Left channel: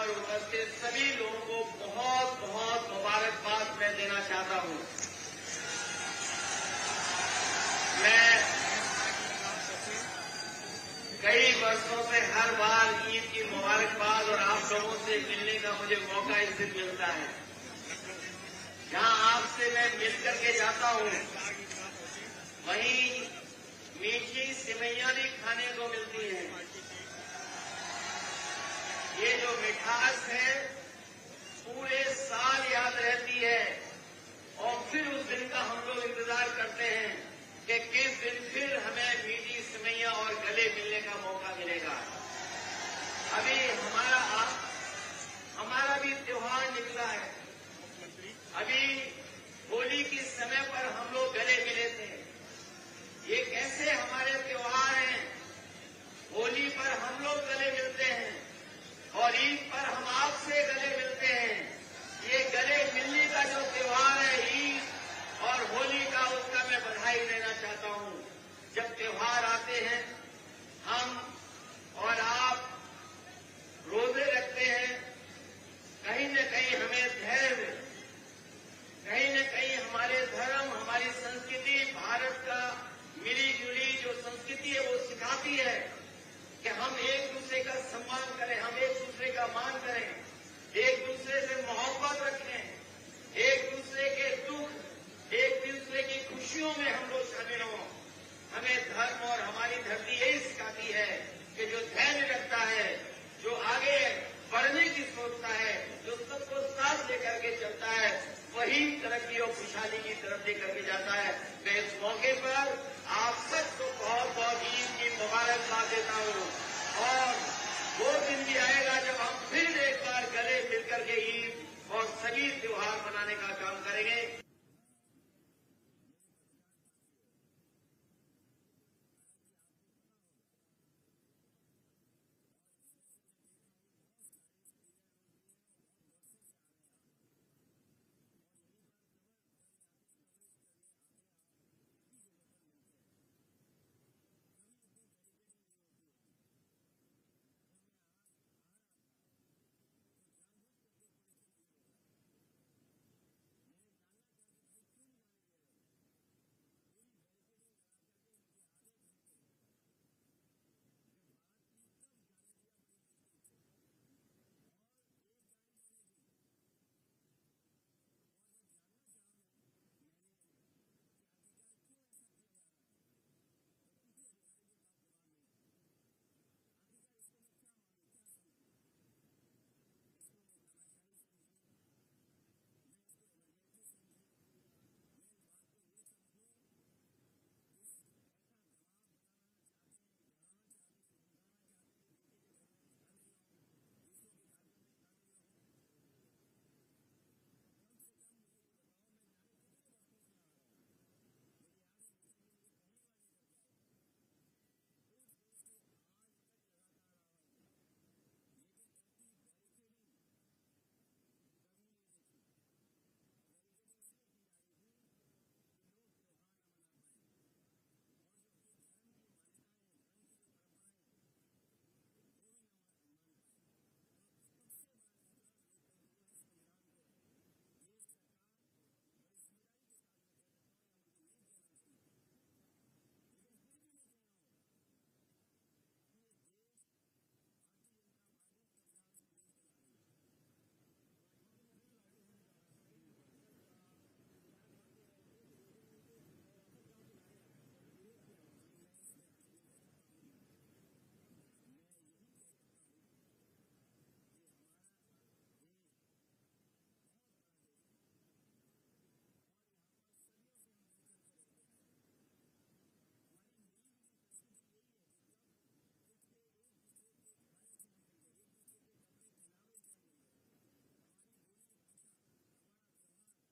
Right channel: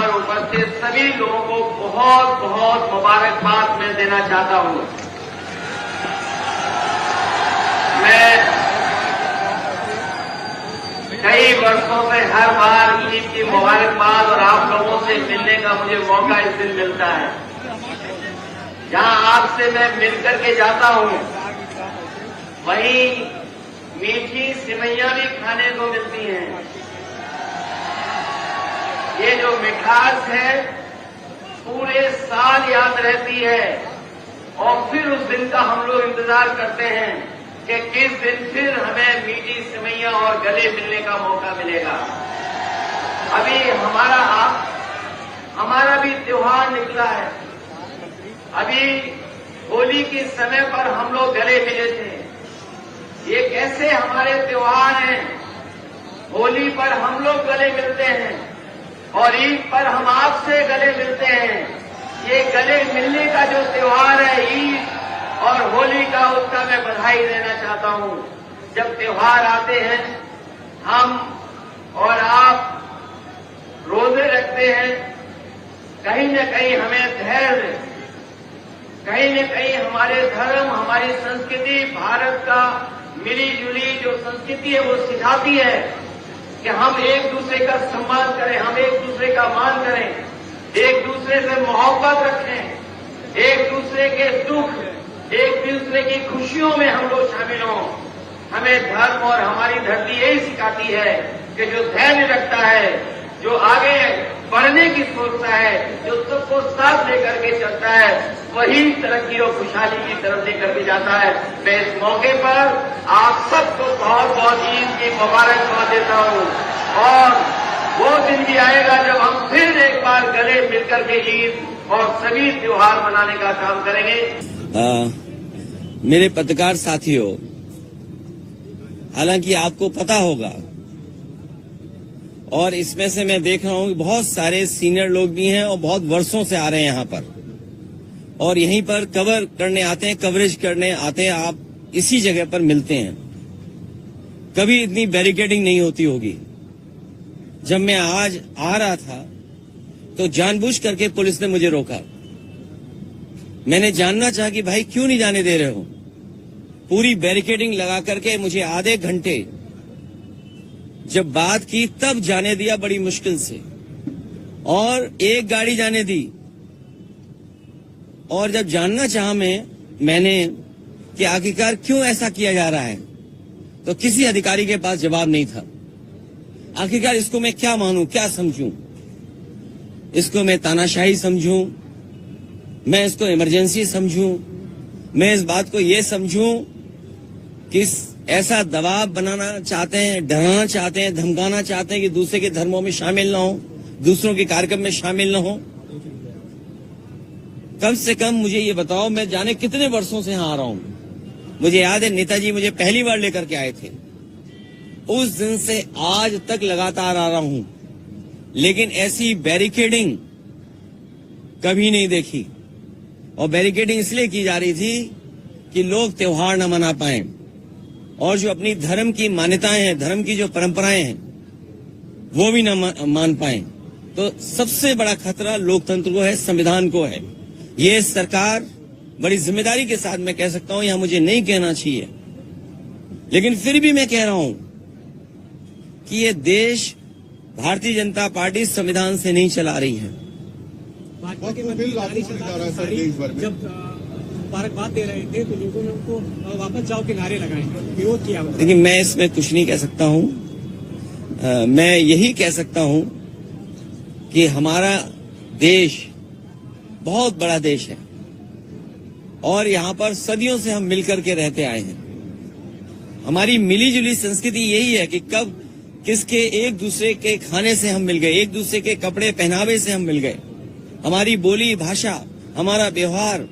पर उपस्थित सभी लोगों को बहुत बहुत मुबारकबाद मैं देना चाहता हूं। मैं कई वर्षों से हर बार ईद की मुबारकबाद और आप लोगों से मिलने का मुझे मौका इस दिन मिलता है। जहां आपसे मैं मिलकर के जाता हूं, वहीं मीठी सिवैयां भी खाने को मिलती हैं। ये जो मिठास है पूरे साल याद रहती है और फिर उस दिन का हम लोग इंतजार करते हैं कि किस दिन फिर हमें मीठी सिवैयां और गले मिलने का मौका मिलेगा। अभी हमारा भी त्योहार निकला है। अभी होली के समय पर हम लोग गले मिले थे। ये कैसे हमारे त्योहार हैं? होली पर हम लोग गले मिलते हैं और ईद पर हम आपसे गले मिलते हैं। ये गले मिलने का जो त्योहार है ईद और होली का, उसका मैं बधाई देना चाहता हूं। जब त्योहार आते हैं हम और आप रोजे रखते हैं, कहीं न कहीं हमें धैर्य, कहीं न कहीं हमारे धर्म, हमारी संस्कृति, भारत का मिली जुली जो संस्कृति है वो सिखाती है कि हम एक दूसरे का सम्मान करें, हम एक दूसरे का मान करें, एक दूसरे से मोहब्बत रखें, एक दूसरे के दुख, एक दूसरे की खुशियों में हम लोग शामिल हों। हमें धर्म और हमारी धरती यही सिखाती है कि जो धैर्य रखता है, जो आगे बढ़ने की सोचता है, जो सबको साथ लेकर के चलता है, वही तरक्की और खुशहाली की तरफ लेकर के जाता है। मैं इस मौके पर आप सबको बहुत बहुत ईद की मुबारकबाद देता हूं और वो दिन भी आएगा जब हम फिर एक बार गले मिलकर के ईद और सभी त्योहार मनाने का काम करेंगे। मेरे पत्रकार साथियों, हालांकि आपको पता होगा और इसमें से मैं देख रहा हूं कि बहुत सारे सीनियर लोग भी हैं और बहुत वर्षों से आ रहे हैं यहाँ पर और यहीं पर कवर करने आते हैं, कवरेज करने आते हैं। आप इसी जगह पर मिलते हैं। कभी इतनी बैरिकेडिंग नहीं होती होगी। जब मैं आज आ रहा था तो जानबूझ करके पुलिस ने मुझे रोका। मैंने जानना चाहा कि भाई क्यों नहीं जाने दे रहे हो। पूरी बैरिकेडिंग लगा करके मुझे आधे घंटे जब बात की तब जाने दिया, बड़ी मुश्किल से, और एक गाड़ी जाने दी। और जब जानना चाहा मैंने कि आखिरकार क्यों ऐसा किया जा रहा है, तो किसी अधिकारी के पास जवाब नहीं था। आखिरकार इसको मैं क्या मानूं, क्या समझूं? इसको मैं तानाशाही समझूं, मैं इसको इमरजेंसी समझूं, मैं इस बात को ये समझूं कि ऐसा दबाव बनाना चाहते हैं, डराना चाहते हैं, धमकाना चाहते हैं कि दूसरे के धर्मों में शामिल ना हो, दूसरों के कार्यक्रम में शामिल ना हो। कम से कम मुझे ये बताओ, मैं जाने कितने वर्षों से यहाँ आ रहा हूँ। मुझे याद है नेताजी मुझे पहली बार लेकर के आए थे। उस दिन से आज तक लगातार आ रहा हूं, लेकिन ऐसी बैरिकेडिंग कभी नहीं देखी। और बैरिकेडिंग इसलिए की जा रही थी कि लोग त्योहार न मना पाएं और जो अपनी धर्म की मान्यताएं हैं, धर्म की जो परंपराएं हैं, वो भी न मान पाएं। तो सबसे बड़ा खतरा लोकतंत्र को है, संविधान को है। ये सरकार बड़ी जिम्मेदारी के साथ, मैं कह सकता हूं, यहां मुझे नहीं कहना चाहिए, लेकिन फिर भी मैं कह रहा हूं कि ये देश भारतीय जनता पार्टी संविधान से नहीं चला रही है। भाजपा के जब मुबारकबाद दे रहे थे तो लोगों ने उनको वापस जाओ के नारे लगाए, विरोध किया। लेकिन मैं इसमें कुछ नहीं कह सकता हूं। मैं यही कह सकता हूं कि हमारा देश बहुत बड़ा देश है और यहाँ पर सदियों से हम मिलकर के रहते आए हैं। हमारी मिली जुली संस्कृति यही है कि कब किसके एक दूसरे के खाने से हम मिल गए, एक दूसरे के कपड़े पहनावे से हम मिल गए। हमारी बोली भाषा, हमारा व्यवहार,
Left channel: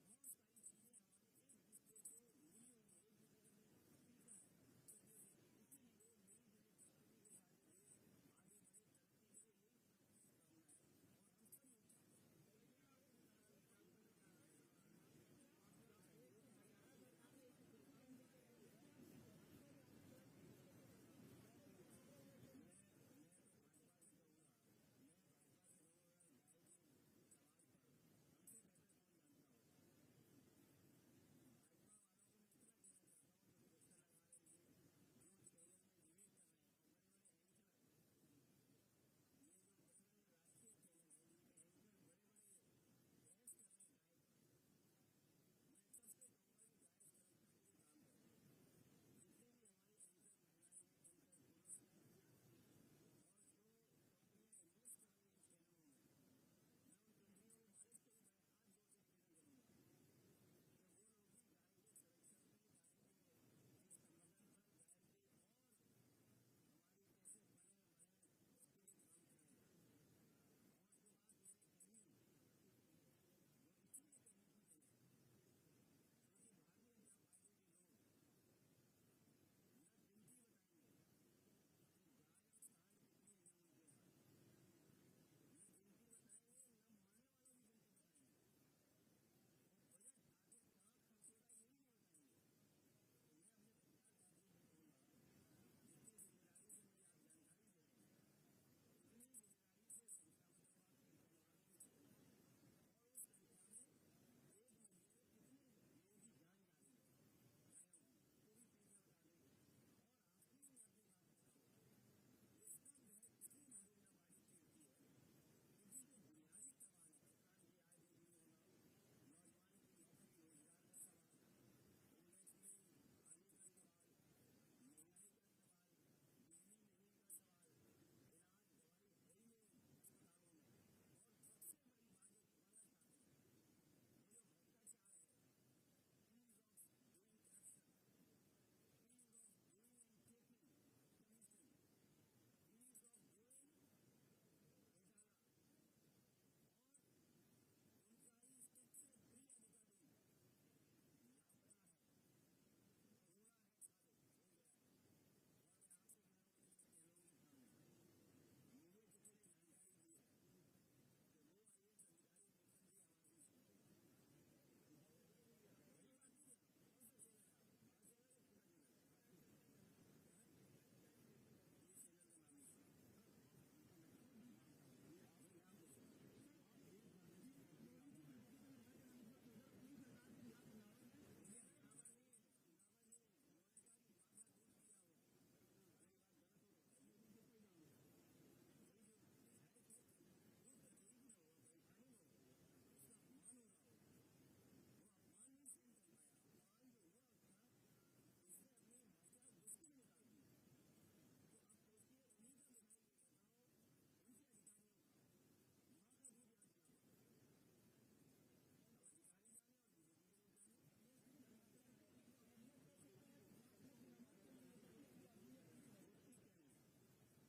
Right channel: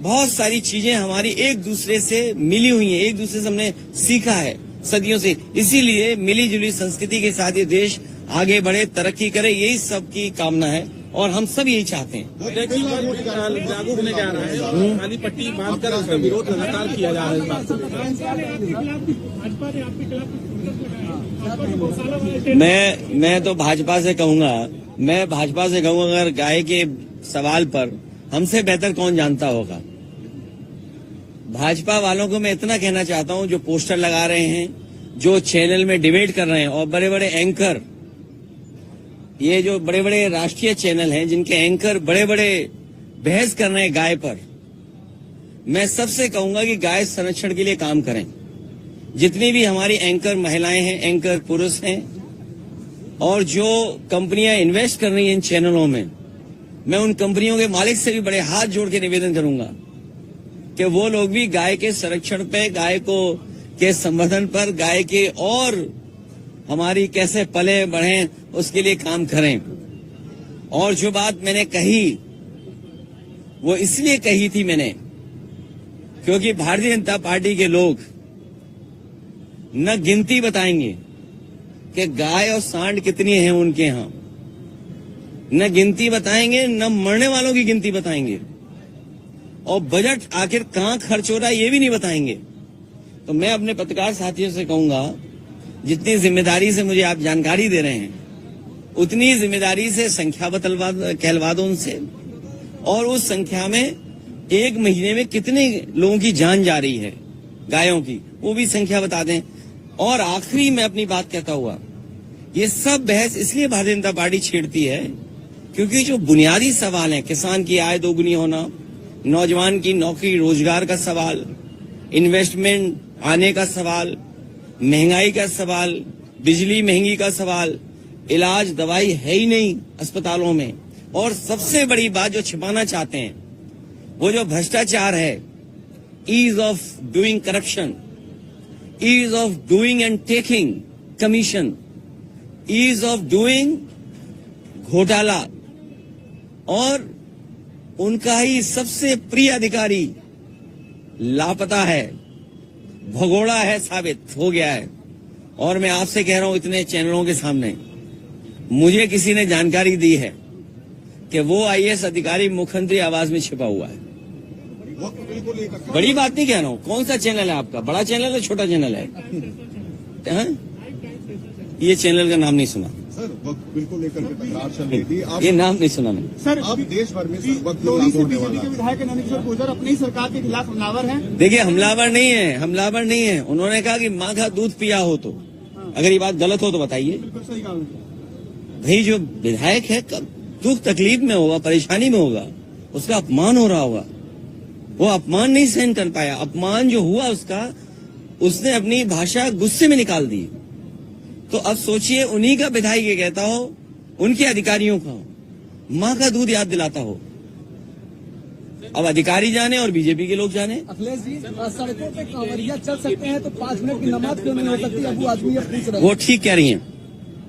बहुत सारी चीजें हमारी एक दूसरे से मिली हुई हैं, एक दूसरे से हमने सीखा है सदियों से। इसीलिए मिली जुली संस्कृति के साथ ये देश आगे बढ़े, तरक्की करे, यही सबकी कामना है और हम सब यही चाहते हैं। लागू होने जा रहा है, काली पट्टी बांधकर उसका विरोध लगातार किया जा रहा है। मैं तो भाजपा से कहूंगा मैं भाजपा से कहूँ, अगर गाय के सवाल पर हमसे बेहतर कौन जानता होगा। भाजपा वालों को मैं इतना कहना चाहता हूं, जो पोस्टर लगा रहे हैं, जो चैनल में डिबेट कर रहे हैं, और बड़े बड़े एंकर, ये जो बड़े बड़े राष्ट्रीय चैनल हैं जिनके एंकर बड़े बड़े बहस कर रहे हैं गाय पर, मैं सबसे कहूंगा कि गाय संरक्षण के लिए काम करें। जितनी भी हमारी एंकर महिलाएं हैं, एंकर पुरुष हैं, और जो कंपनियां इन्वेस्ट कर रही हैं इन चैनलों में, मैं उन कंपनियों के मालिक से भी बड़े हाथ जोड़ के निवेदन करूंगा कि वो लोग भी गाय के संरक्षण पे, गाय को के संवर्धन पर, गाय के और हमारी कैसे पले बढ़े उसके लिए काम करें। और जो बात मैंने कही वो इसलिए कही थी मैंने, क्योंकि भारतीय जनता पार्टी के लोग न गिनती बताएंगे कि गाय और सांड कितनी है उनके यहां, न गिनती बताएंगे, न मरने वालों की गिनती बताएंगे, और बजट आखिर कहां खर्च हो रहा है ये भी नहीं बताएंगे। तो मैं अपने पत्रकार साथियों से कहूंगा, जितनी जिम्मेदारी से मुझे आप जानकारी दे रहे हैं, उतनी जिम्मेदारी से संख्या कहलवा दो उनसे, और उस संख्या में एक महीने में कितने लोगों की जान जा रही है गायों की, वो भी संख्या बता दें। और आखिरी में अपनी बात कहता हुआ, ये सब बहस इसलिए भारतीय जनता पार्टी छेड़ती है क्योंकि जो बुनियादी सवाल है, किसान की आय दोगुनी होना, नौजवान की नौकरी रोजगार का सवाल, इन्वेस्टमेंट आने का सवाल, महंगाई का सवाल, बिजली महंगी का सवाल, इलाज दवाई है ही नहीं अस्पतालों में, और सबसे बड़ी बात जो छिपाना चाहते हैं वो जो भ्रष्टाचार है, ease of doing corruption, ease of doing and taking commission, ease of doing घोटाला, और उनका ही सबसे प्रिय अधिकारी लापता है, भगोड़ा है, साबित हो गया है। और मैं आपसे कह रहा हूं इतने चैनलों के सामने, मुझे किसी ने जानकारी दी है कि वो आईएएस अधिकारी मुख्यमंत्री आवास में छिपा हुआ है। बड़ी बात नहीं कह रहा हूं। कौन सा चैनल है आपका, बड़ा चैनल है छोटा चैनल है? ये चैनल का नाम नहीं सुना सर। वक्त बिल्कुल लेकर के तकरार चल रही थी। आप ये नाम नहीं सुना मैंने सर, अब देश भर में वक्त लोहड़ी से बीजेपी के विधायक नंदकिशोर गुर्जर अपनी सरकार के खिलाफ हमलावर हैं। देखिए, हमलावर नहीं है, हमलावर नहीं है। उन्होंने कहा कि माँ का दूध पिया हो तो, अगर ये बात गलत हो तो बताइए। बिल्कुल सही कहा। भाई जो विधायक है कब दुख तकलीफ में होगा, परेशानी में होगा, उसका अपमान हो रहा होगा, वो अपमान नहीं सहन कर पाया। अपमान जो हुआ उसका, उसने अपनी भाषा गुस्से में निकाल दी। तो अब सोचिए, उन्हीं का विधायक ये कहता हो, उनके अधिकारियों का माँ का दूध याद दिलाता हो। अब अधिकारी जाने और बीजेपी के लोग जाने। अखिलेश जी, सड़कों पे कांवरिया चल सकते हैं तो 5 मिनट की नमाज क्यों नहीं हो सकती? अबू आजमी अपनी तरफ वो ठीक कह रही हैं।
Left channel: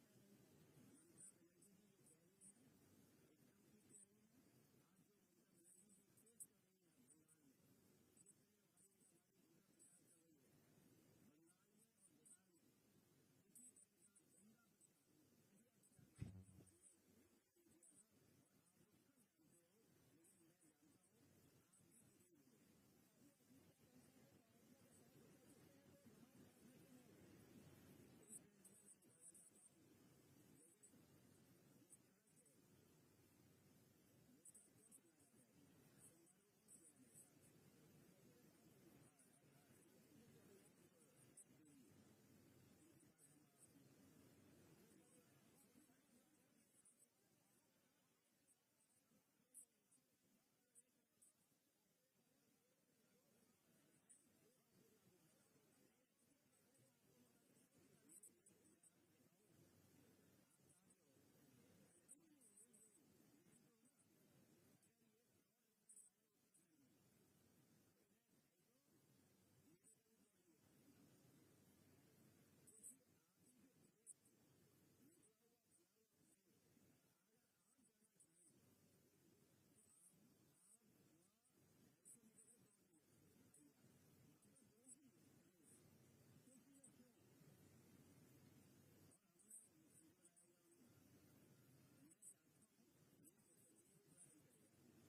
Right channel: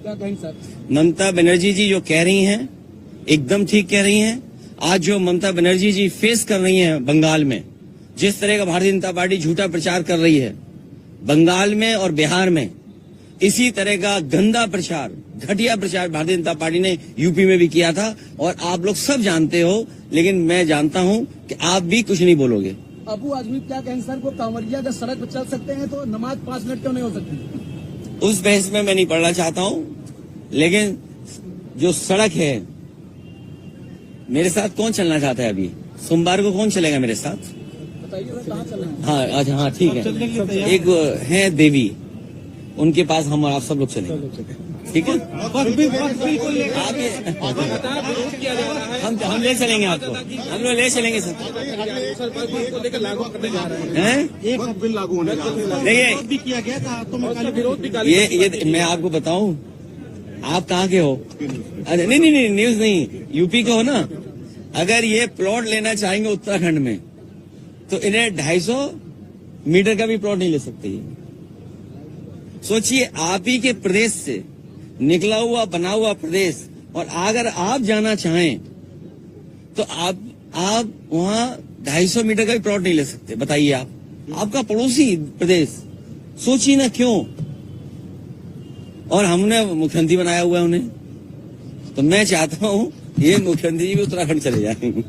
क्या कहें सर? ममता बनर्जी जी जो कह रही हैं एकदम ठीक कह रही हैं। आज जो ममता बनर्जी जी फेस कर रही हैं बंगाल में, जिस तरह का भारतीय जनता पार्टी झूठा प्रचार कर रही है बंगाल में और बिहार में, इसी तरह का गंदा प्रचार, घटिया प्रचार भारतीय जनता पार्टी ने यूपी में भी किया था, और आप लोग सब जानते हो। लेकिन मैं जानता हूं कि आप भी कुछ नहीं बोलोगे। अबू आजमी क्या कहें सर, वो कांवरिया जब सड़क पर चल सकते हैं तो नमाज 5 मिनट क्यों नहीं हो सकती? उस बहस में मैं नहीं पढ़ना चाहता हूं, लेकिन जो सड़क है, मेरे साथ कौन चलना चाहता है? अभी सोमवार को कौन चलेगा मेरे साथ? बताइए सर, कहाँ चल रहे हैं? हाँ अच्छा, हाँ ठीक है। एक है देवी, उनके पास हम और आप सब लोग चलेंगे, ठीक है? हम ले चलेंगे आपको, हम लोग ले चलेंगे सर। वक्त बिल लागू होने का देखिए, किया गया था तो विरोध भी ये मैं आपको बताऊं, आप कहाँ के हो? अरे नहीं, न्यूज नहीं, यूपी के हो ना। अगर ये प्लॉट लेना चाहेंगे उत्तराखंड में तो इन्हें 250 मीटर का भी प्लॉट नहीं ले सकते। सोचिए, आप ही के प्रदेश से निकला हुआ बना हुआ प्रदेश, और अगर आप जाना चाहें तो आप वहां 250 मीटर का भी प्लॉट नहीं ले सकते। बताइए, आपका पड़ोसी प्रदेश, सोचिए ना क्यों। और हमने मुख्यमंत्री बनाया हुआ है उन्हें, तो मैं चाहता हूं ये मुख्यमंत्री जी भी उत्तराखंड चले जाएंगे।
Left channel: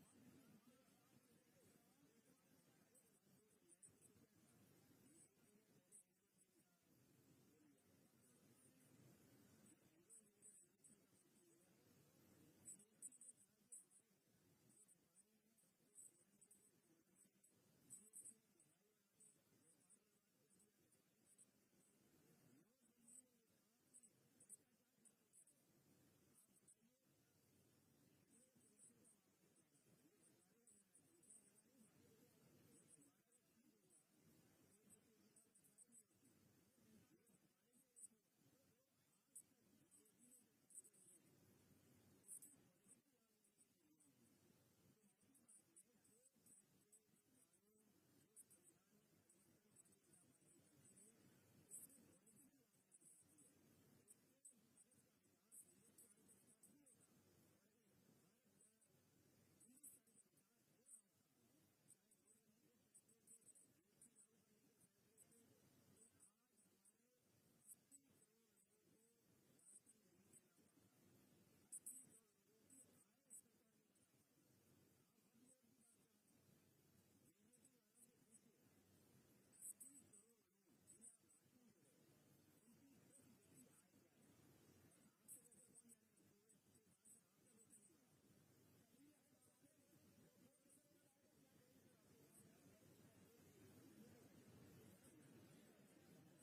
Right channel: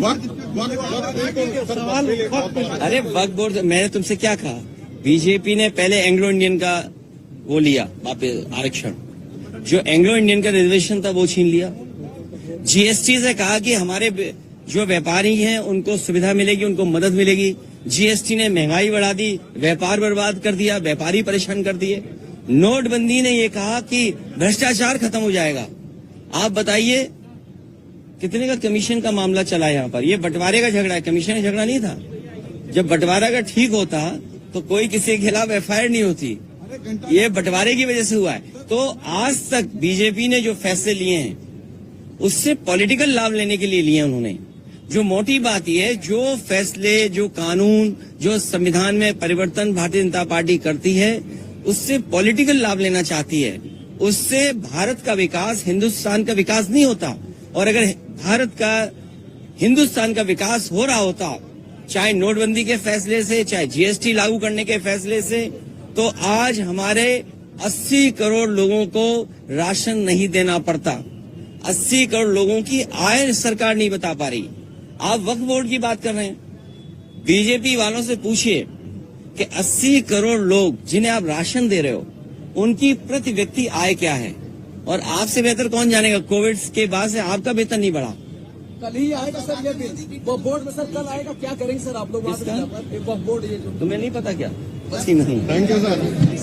वक्त अरे वक्फ बोर्ड, मैंने तुमसे क्या कहा? बीजेपी ने पहले एंग्लो इंडियन का वो लिया वापस आरक्षण, जो एंग्लो इंडियन का रिजर्वेशन था वो छीन लिया। जीएसटी से कहा कि हमारे जो व्यापारी हैं उनको सुविधा मिलेगी, उनको मदद मिलेगी। जीएसटी ने महंगाई बढ़ा दी, व्यापार बर्बाद कर दिया, व्यापारी परेशान कर दिए। नोटबंदी ने ये कहा कि भ्रष्टाचार खत्म हो जाएगा। आप बताइए कितने का कमीशन का मामला चला यहाँ पर? ये बंटवारे का झगड़ा है, कमीशन का झगड़ा नहीं था। जब बंटवारा का ठीक होता तो कोई किसी के खिलाफ एफआईआर नहीं होती, ये बंटवारे की वजह से हुआ है। तो आज तक बीजेपी ने जो फैसले लिए हैं उससे पॉलिटिकल लाभ लेने के लिए लिए उन्होंने। जो मोटी बात यह है, जो फैसले, जो कानून, जो संविधान में परिवर्तन भारतीय जनता पार्टी करती है उससे पॉलिटिकल लाभ लेना चाहती है। उससे भारत का विकास, हिंदुस्तान का विकास नहीं होता। और अगर भारत का, हिंदुस्तान का विकास हो रहा होता, चाहे नोटबंदी के फैसले से, चाहे जीएसटी लागू करने के फैसले से, तो आज हमारे 80 करोड़ लोगों को राशन नहीं देना पड़ता। 80 करोड़ लोगों की आय सरकार नहीं बता पा रही। आप वक्फ बोर्ड की बात कर रहे हैं, बीजेपी वालों से पूछिए कि 80 करोड़ लोग जिन्हें आप राशन दे रहे हो उनकी प्रति व्यक्ति आय क्या है? और आपसे बेहतर कौन जानेगा, कोविड के बाद से आपका वेतन नहीं बढ़ा। कल ही आएगा सर ये बिल, वो बोर्ड में सर कल आएगा। क्या करेंगे सर आप लोग वहाँ पे? किसका? वक्फ बोर्ड ये जो तुम्हें नहीं पता क्या? बस ही नहीं। Thank you sir.